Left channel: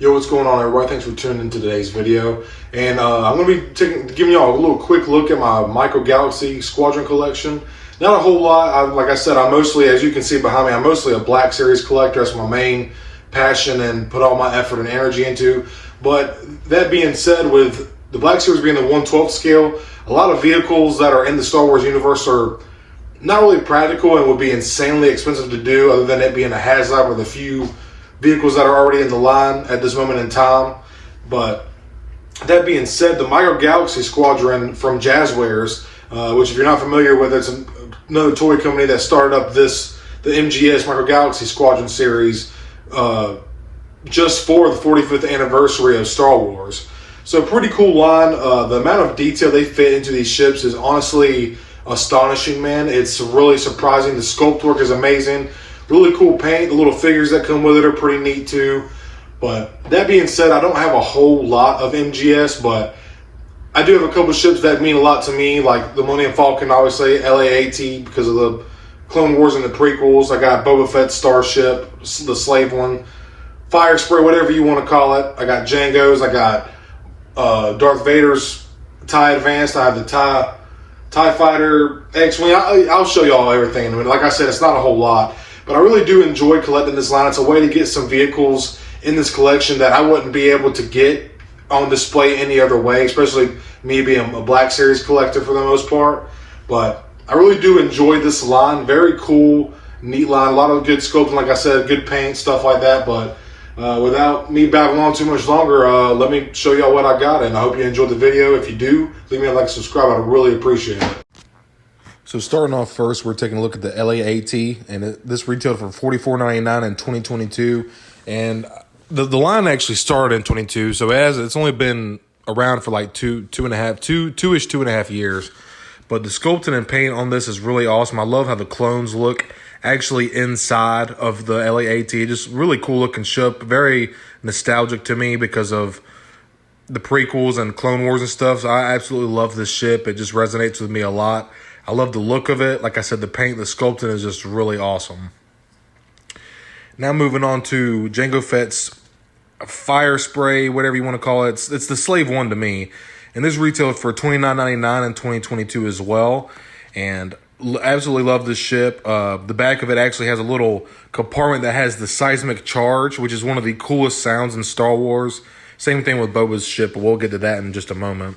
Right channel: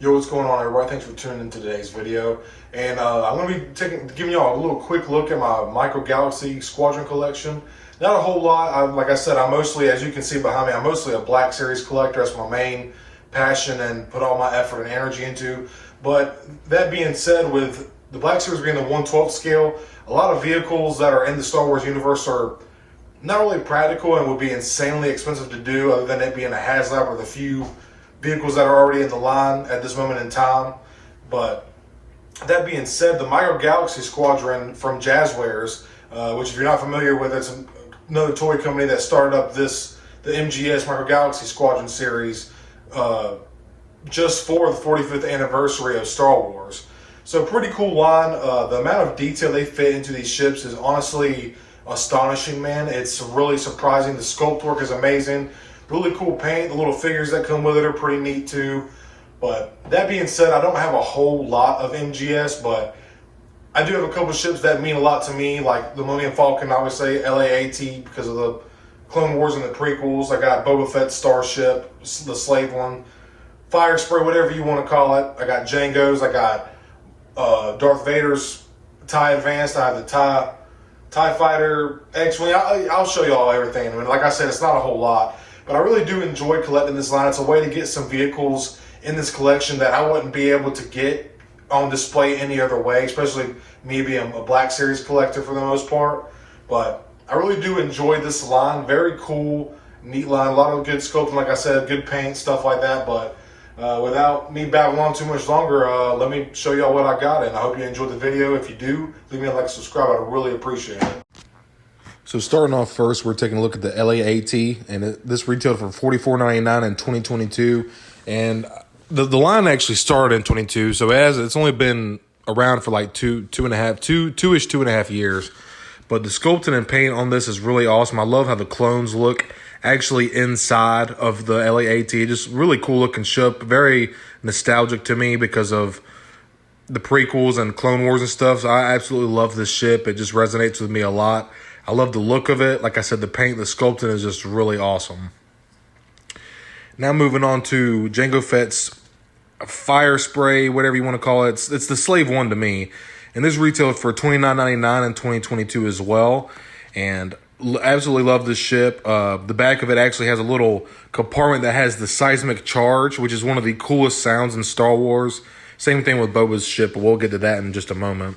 Yo, what's going on, everybody? Thanks for tuning into today's video. And I'm going to be giving y'all a little quick look at my Micro Galaxy Squadron collection. Not a whole lot. Like I said, I'm mostly, as you can see behind me, I'm mostly a Black Series collector. That's my main passion and put all my effort and energy into. But that being said, with the Black Series being the 1/12 scale, a lot of vehicles that are in the Star Wars universe are not really practical and would be insanely expensive to do, other than it being a HasLab or the few vehicles that are already in the line at this moment in time. But that being said, the Micro Galaxy Squadron from Jazzwares, which if you're not familiar with, it's another toy company that started up the MGS Micro Galaxy Squadron series just for the 45th anniversary of Star Wars. So pretty cool line. The amount of detail they fit into these ships is honestly astonishing, man. It's really surprising. The sculpt work is amazing. Really cool paint. The little figures that come with it are pretty neat too. But that being said, I don't have a whole lot of MGS, but I do have a couple ships that mean a lot to me, like the Millennium Falcon, obviously, LAAT because of the Clone Wars and the prequels. I got Boba Fett's Starship, the Slave one, Fire Spray, whatever you want to call it. I got Jango's. I got Darth Vader's TIE Advanced. I have the TIE Fighter X-Wing. I'll show y'all everything. I mean, like I said, it's not a whole lot. But I really do enjoy collecting this line. It's a way to get some vehicles in this collection that I wouldn't be able to get on display any other way, especially me being a Black Series collector for the most part. But I really do enjoy this line. Very cool, neat line. A lot of good sculpting, like I said, good paint, stuff like that. But without me babbling on too much longer, let me show y'all what I got. And I hope you enjoyed the video. If you do, leave me a like and subscribe. I'd really appreciate it. So starting off first, we're taking a look at the LAAT, and this retailed for $44.99 in 2022, and the line actually started in 22, so it's only been around for like two and a half years. But the sculpting and paint on this is really awesome. I love how the clones look actually inside of the LAAT. Just really cool looking ship, very nostalgic to me because of the prequels and Clone Wars and stuff. So I absolutely love this ship. It just resonates with me a lot. I love the look of it. Like I said, the paint, the sculpting is just really awesome. Now moving on to Jango Fett's Fire Spray, whatever you want to call it. It's the Slave one to me. And this retailed for $29.99 in 2022 as well. And absolutely love this ship. The back of it actually has a little compartment that has the seismic charge, which is one of the coolest sounds in Star Wars. Same thing with Boba's ship, but we'll get to that in just a moment.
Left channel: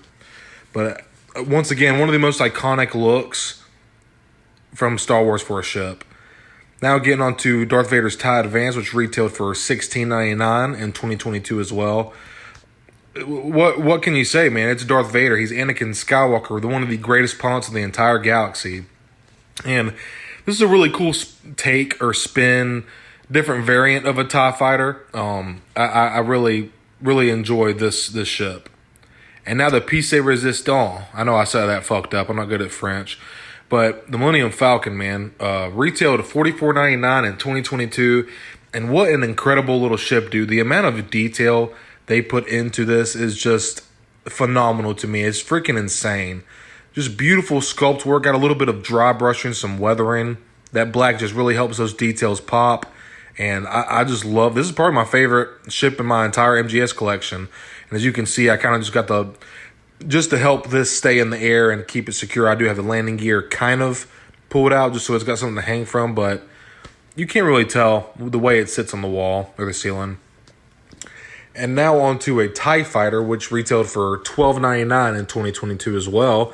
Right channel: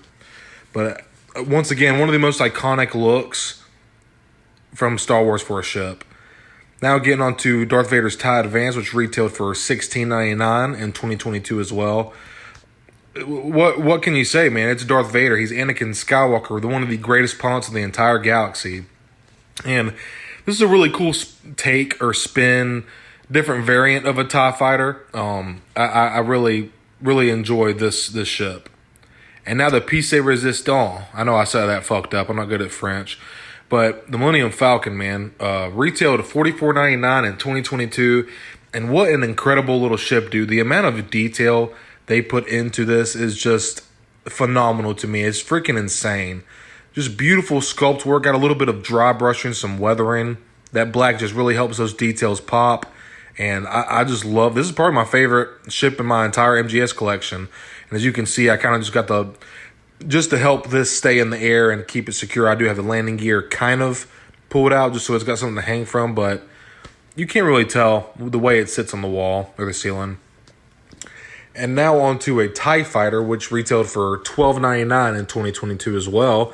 But once again, one of the most iconic looks from Star Wars for a ship. Now getting on to Darth Vader's TIE Advanced, which retailed for $16.99 in 2022 as well. What can you say, man? It's Darth Vader. He's Anakin Skywalker, one of the greatest pilots in the entire galaxy. And this is a really cool take or spin, different variant of a TIE fighter. I really, really enjoy this ship. And now the piece de resistance. I know I said that fucked up. I'm not good at French. But the Millennium Falcon, man, retailed at $44.99 in 2022. And what an incredible little ship, dude. The amount of detail they put into this is just phenomenal to me. It's freaking insane. Just beautiful sculpt work. Got a little bit of dry brushing, some weathering. That black just really helps those details pop. And I just love, this is probably my favorite ship in my entire MGS collection. And as you can see, I kind of just got just to help this stay in the air and keep it secure, I do have the landing gear kind of pulled out just so it's got something to hang from, but you can't really tell the way it sits on the wall or the ceiling. And now on to a TIE Fighter, which retailed for $12.99 in 2022 as well.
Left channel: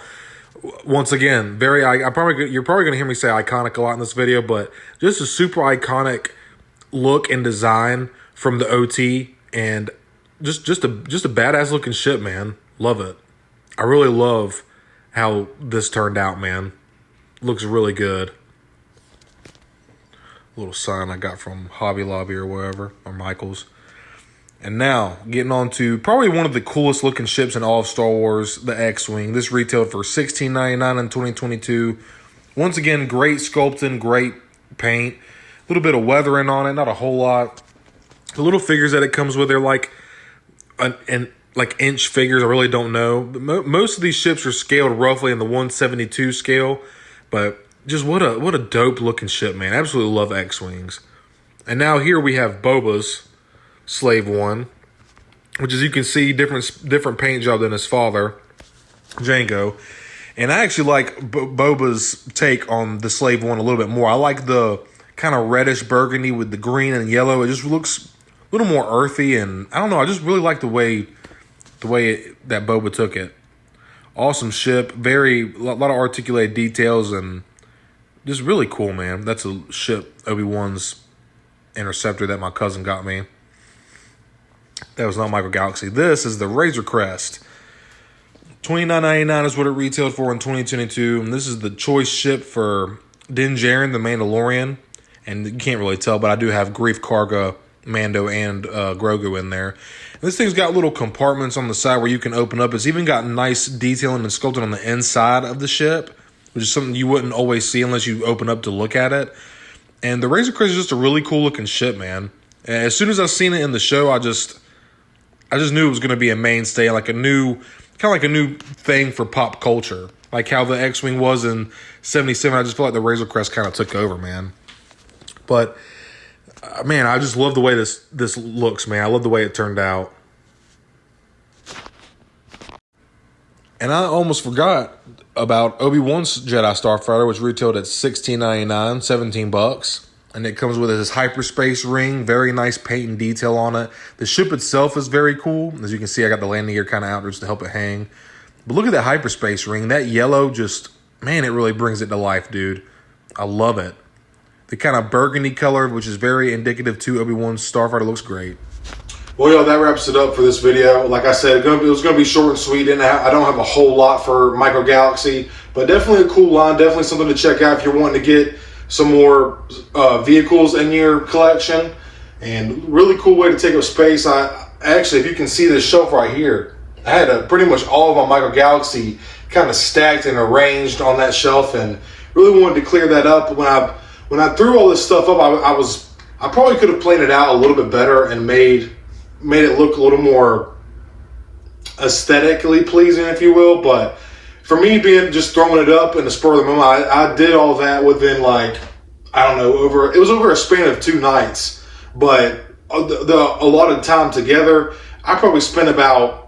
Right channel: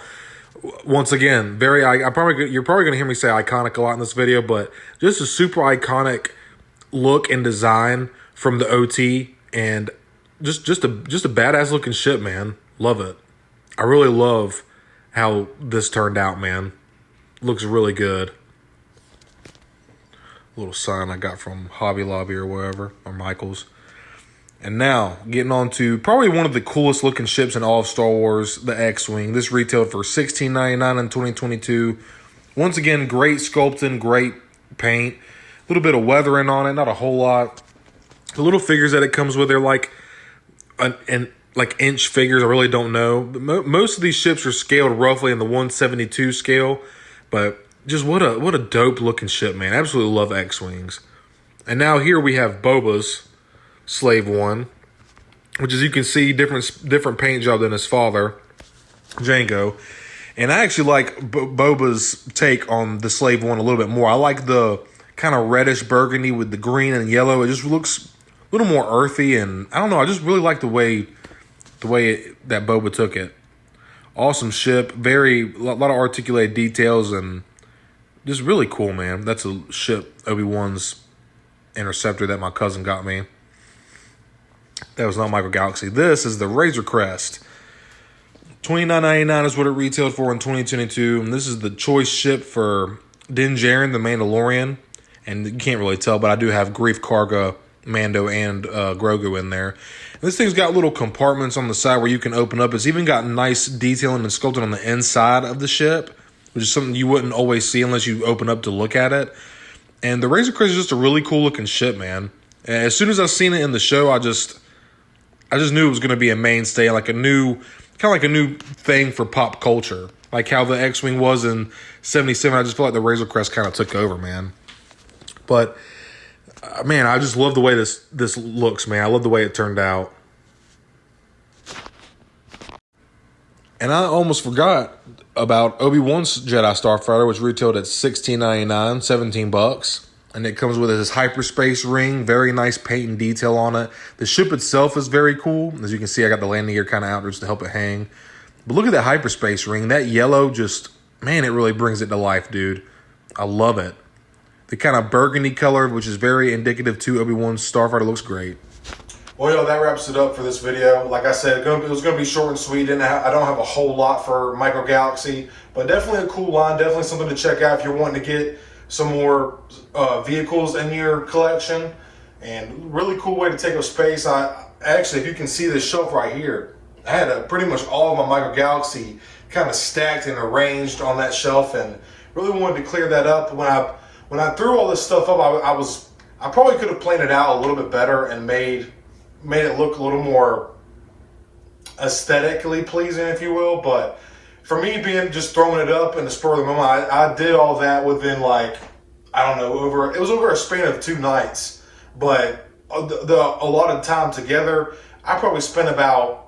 Once again, you're probably going to hear me say iconic a lot in this video, but just a super iconic look and design from the OT, and just a badass looking ship, man. Love it. I really love how this turned out, man. Looks really good. Little sign I got from Hobby Lobby or wherever, or Michael's. And now, getting on to probably one of the coolest looking ships in all of Star Wars, the X-Wing. This retailed for $16.99 in 2022. Once again, great sculpting, great paint. A little bit of weathering on it, not a whole lot. The little figures that it comes with, they're like inch figures. I really don't know. Most of these ships are scaled roughly in the 1/72 scale, but just what a dope looking ship, man. Absolutely love X-Wings. And now here we have Boba's Slave One. which as you can see, different paint job than his father, Django. And I actually like Boba's take on the Slave One a little bit more. I like the kind of reddish burgundy with the green and yellow. It just looks a little more earthy, and I don't know. I just really like the way that Boba took it. Awesome ship, a lot of articulated details, and just really cool, man. That's a ship, Obi-Wan's interceptor that my cousin got me. That was not Michael Galaxy. This is the Razor Crest. $29.99 is what it retailed for in 2022. And this is the choice ship for Din Djarin, the Mandalorian. And you can't really tell, but I do have Grief Karga, Mando, and Grogu in there. And this thing's got little compartments on the side where you can open up. It's even got nice detailing and sculpting on the inside of the ship, which is something you wouldn't always see unless you open up to look at it. And the Razor Crest is just a really cool looking ship, man. And as soon as I seen it in the show, I just knew it was going to be a mainstay, like a new thing for pop culture. Like how the X-Wing was in 77, I just feel like the Razor Crest kind of took over, man. But, man, I just love the way this looks, man. I love the way it turned out. And I almost forgot about Obi-Wan's Jedi Starfighter, which retailed at $16.99, $17. And it comes with this hyperspace ring, very nice paint and detail on it. The ship itself is very cool. As you can see, I got the landing gear kind of out just to help it hang. But look at that hyperspace ring. That yellow just, man, it really brings it to life, dude. I love it. The kind of burgundy color, which is very indicative to Obi-Wan's Starfighter, looks great. Well, y'all, that wraps it up for this video. Like I said, it was going to be short and sweet. And I don't have a whole lot for Michael Galaxy, but definitely a cool line. Definitely something to check out if you're wanting to get some more vehicles in your collection. And really cool way to take up space. Actually, if you can see this shelf right here, I had pretty much all of my Michael Galaxy kind of stacked and arranged on that shelf, and really wanted to clear that up. When I threw all this stuff up, I probably could have planned it out a little bit better and made it look a little more aesthetically pleasing, if you will. But for me, being just throwing it up in the spur of the moment, I did all that within, like, I don't know, it was over a span of 2 nights. But a lot of time together, I probably spent about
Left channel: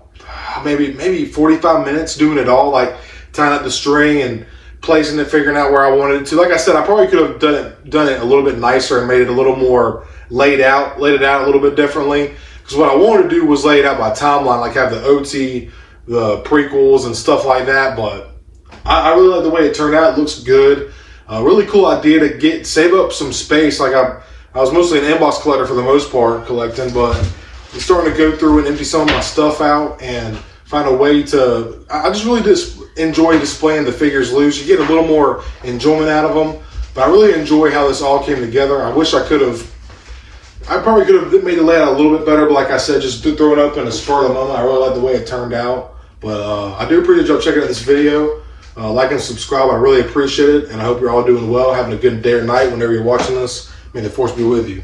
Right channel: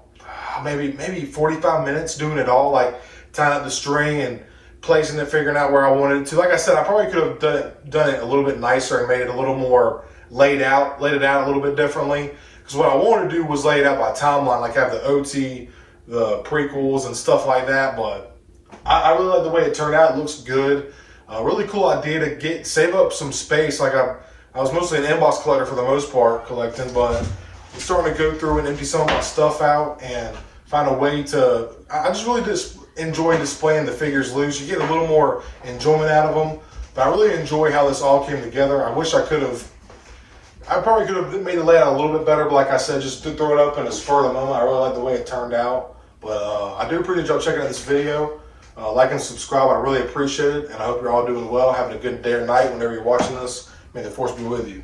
maybe 45 minutes doing it all, like tying up the string and placing it, figuring out where I wanted it to. Like I said, I probably could have done it a little bit nicer and made it a little more laid it out a little bit differently. Because what I wanted to do was lay it out by timeline, like have the OT, the prequels, and stuff like that. But I really like the way it turned out. It looks good. Really cool idea to save up some space. Like I was mostly an inbox collector for the most part, collecting, but I'm starting to go through and empty some of my stuff out and find a way to. I just really enjoy displaying the figures loose. You get a little more enjoyment out of them. But I really enjoy how this all came together. I wish I probably could have made the layout a little bit better, but like I said, just throwing up in the spur of the moment. I really like the way it turned out. But I do appreciate y'all checking out this video. Like and subscribe. I really appreciate it. And I hope you're all doing well, having a good day or night whenever you're watching this. May the force be with you.